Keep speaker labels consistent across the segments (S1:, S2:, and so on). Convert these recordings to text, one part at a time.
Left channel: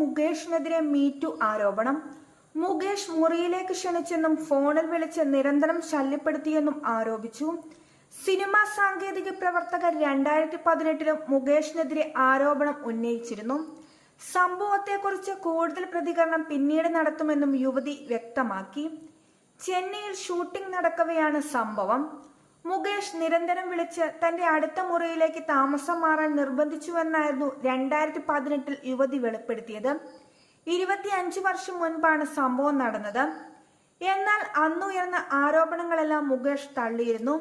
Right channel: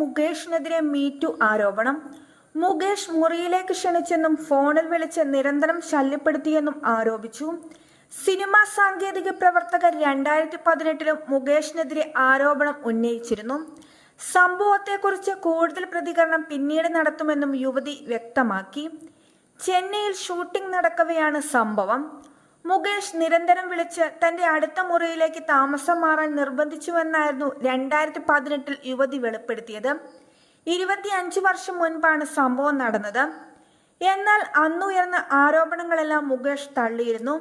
S1: മുകേഷിനെതിരെ MeToo ആരോപണം. മുകേഷ് മുറിയിലേക്ക് ക്ഷണിച്ചെന്നും ഫോണിൽ വിളിച്ച് നിരന്തരം ശല്യപ്പെടുത്തിയെന്നും ആരോപിച്ചു. സിനിമാ സാങ്കേതിക പ്രവർത്തകർ രണ്ടായിരത്തി പതിനെട്ടിലും മുകേഷിനെതിരെ ആരോപണം ഉന്നയിച്ചിരുന്നു. സംഭവത്തെക്കുറിച്ച് കൂടുതൽ പ്രതികരണം പിന്നീട് നടത്തുമെന്നും യുവതി വ്യക്തമാക്കി. ചെന്നൈയിൽ ഷൂട്ടിംഗ് നടക്കവെയാണ് സംഭവം. മുകേഷ് നിരന്തരം വിളിച്ച് തന്റെ അടുത്ത മുറിയിലേക്ക് താമസം മാറാൻ നിർബന്ധിച്ചുവെന്നായിരുന്നു രണ്ടായിരത്തി പതിനെട്ടിൽ യുവതി വെളിപ്പെടുത്തിയത്. ഇരുപത്തിയഞ്ച് വർഷം മുൻപാണ് സംഭവം നടന്നത്. എന്നാൽ അന്നുയർന്ന ആരോപണങ്ങളെല്ലാം മുകേഷ് തള്ളിയിരുന്നു.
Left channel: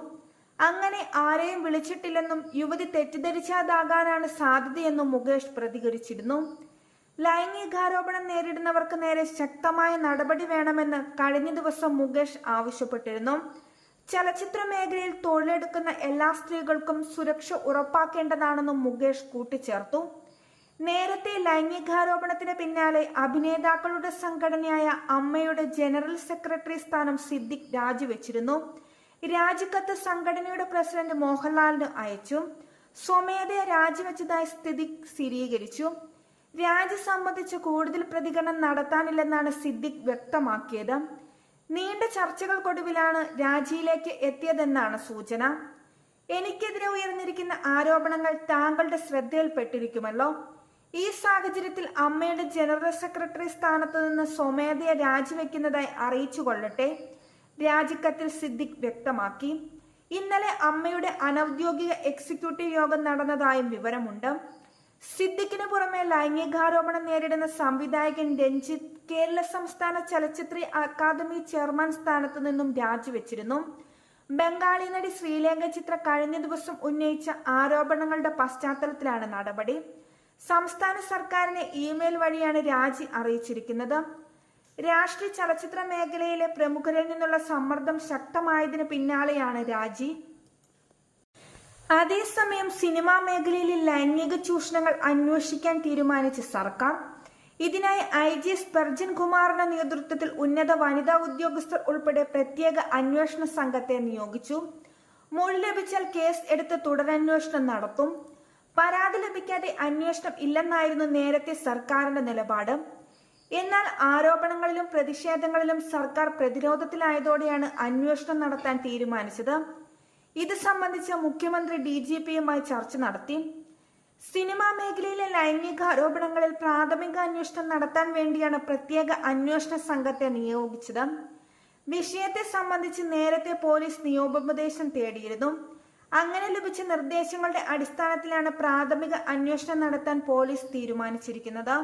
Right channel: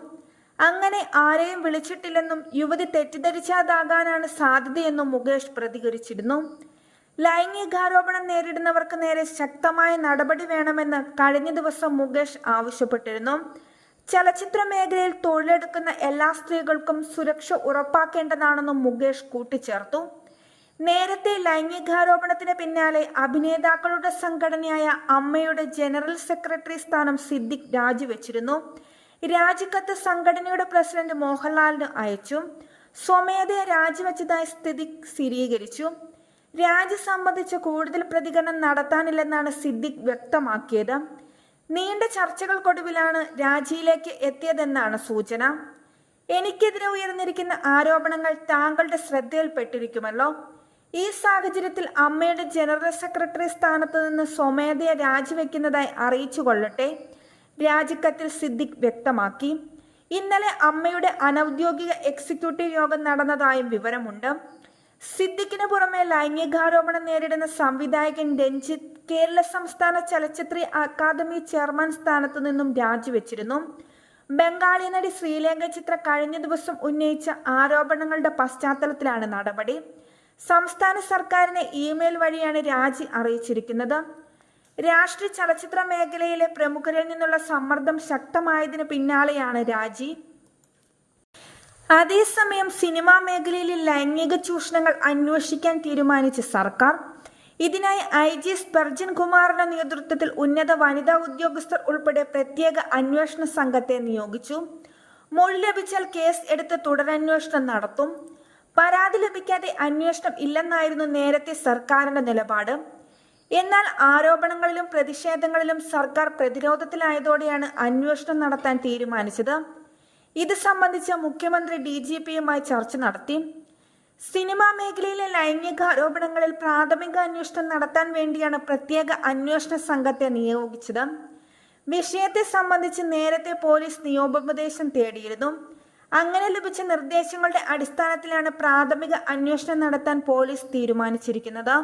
S1: അങ്ങനെ ആരെയും വിളിച്ചിട്ടില്ലെന്നും യുവതി തെറ്റിദ്ധരിച്ചതാകാനാണ് സാധ്യതയെന്നും മുകേഷ് പ്രതികരിച്ചിരുന്നു. ലൈംഗികാരോപണം നേരിടുന്നവർക്ക് നേരെ ശക്തമായ നടപടി വേണമെന്ന് കഴിഞ്ഞ ദിവസം മുകേഷ് ആവശ്യപ്പെട്ടിരുന്നു. ചലച്ചിത്ര മേഖലയിൽ തൊഴിലെടുക്കുന്ന എല്ലാ സ്ത്രീകൾക്കും സുരക്ഷ ഉറപ്പാക്കേണ്ടതാണെന്നും മുകേഷ് കൂട്ടിച്ചേർത്തു. നേരത്തെ ലൈംഗികാരോപണത്തിന് പിന്നാലെ അഭിനേതാക്കളുടെ സംഘടനയായ അമ്മയുടെ ജനറൽ സെക്രട്ടറി സ്ഥാനം സിദ്ദിഖ് രാജിവെച്ചിരുന്നു. രാജിക്കത്ത് സംഘടനയുടെ പ്രസിഡന്റ് മോഹൻലാലിന് അയച്ചു. സ്വമേധയ രാജിവെച്ചതായി സ്ഥിതി സ്ഥിരീകരിച്ചു. രാജി സംബന്ധിച്ച് കൂടുതൽ പ്രതികരണം നടത്താനില്ലെന്നാണ് സിദ്ദിഖ് വ്യക്തമാക്കിയത്. നീണ്ട ചർച്ചകൾക്കൊടുവിലാണ് രാജിയിലേക്ക് എത്തിയതെന്നാണ് സൂചന. എനിക്കെതിരെ ഉയർന്നിരിക്കുന്ന ആരോപണങ്ങൾ താങ്കളുടെ ശ്രദ്ധയിൽപ്പെട്ടിരിക്കുമല്ലോ. ഈ സാഹചര്യത്തിൽ അമ്മയുടെ ജനറൽ സെക്രട്ടറി സ്ഥാനത്ത് നിന്ന് സ്വമേധയെ രാജിവെക്കുന്നതായി അറിയിച്ചു കൊള്ളട്ടെ രാജിക്കത്തിൽ സിദ്ദിഖ് വ്യക്തമാക്കി. ഇന്നലെ അമ്മയുടെ അനൌദ്യോഗിക എക്സിക്യൂട്ടീവ് യോഗം നടന്നതായും വിവരമുണ്ട്. സിദ്ദിഖിന് പുറമെ ലൈംഗികാരോപണം നേരിടുന്ന സംവിധായകൻ രഞ്ജിത്ത് കേരള സംസ്ഥാന ചലച്ചിത്ര അക്കാദമി ചെയർമാൻ സ്ഥാനത്തു നിന്നും രാജിവെച്ചിരുന്നു. ബംഗാളി നടി ശ്രീലങ്ക ചിത്ര കഴിഞ്ഞ ദിവസം ഉന്നയിച്ച ആരോപണങ്ങളുടെ പശ്ചാത്തലത്തിലാണ് നടപടി. സംസ്ഥാന സർക്കാരിനെ ഇമെയിൽ വഴിയാണ് രാജി അറിയിച്ചിരിക്കുന്നത്. രാഷ്ട്രീയ ചലച്ചിത്ര മേഖലയിലെ പ്രമുഖരിൽ നിന്നുള്ള സമ്മർദ്ദം ശക്തമായതിനു പിന്നാലെയാണ് രാജി. അതേസമയം സിനിമാ മേഖലയിലെ ലൈംഗിക ചൂഷണങ്ങൾ അന്വേഷിക്കാൻ തീരുമാനിച്ച സർക്കാർ ഇതിനായി ഐ ജി സ്പെർജിൻ കുമാറിന്റെ നേതൃത്വത്തിൽ ഉന്നത വനിതാ ഉദ്യോഗസ്ഥർ ഉൾപ്പെടെ പ്രത്യേക അന്വേഷണ സംഘത്തെ നിയോഗിച്ചു. മൊഴി ലഭിച്ചാൽ കേസ് എടുത്ത് തുടരന്വേഷണം നടത്തും. പരാതി ലഭിക്കാതെ അന്വേഷണം ഇല്ലെന്നായിരുന്നു നേരത്തെ സർക്കാരിന്റെ നിലപാട്. എന്നാൽ ആരോപണങ്ങളിലും പ്രതിഷേധങ്ങളിലും സർക്കാർ പ്രതിരോധത്തിലായതോടെയാണ് അന്വേഷണം നടത്താൻ തീരുമാനിച്ചത്. ഇത് സംബന്ധിച്ച് മുഖ്യമന്ത്രി ഡി ജി പിയുമായി ചർച്ച നടത്തി. സിനിമാ മേഖലയിലെ ലൈംഗിക ആരോപണങ്ങളിൽ പ്രാഥമിക അന്വേഷണം നടത്താൻ വേണ്ടിയാണ് പ്രത്യേക അന്വേഷണ സംഘത്തെ നിയോഗിച്ചത്. വിഷയത്തെ സംബന്ധിച്ച് നേരത്തെ പോലീസ് നിയമോപദേശം തേടിയിരുന്നു. അങ്ങനെ ലഭിച്ച നിർദ്ദേശങ്ങളുടെ അടിസ്ഥാനത്തിലാണ് പ്രാഥമിക അന്വേഷണം നടത്താൻ പോലീസ് തീരുമാനിച്ചിരിക്കുന്നത്.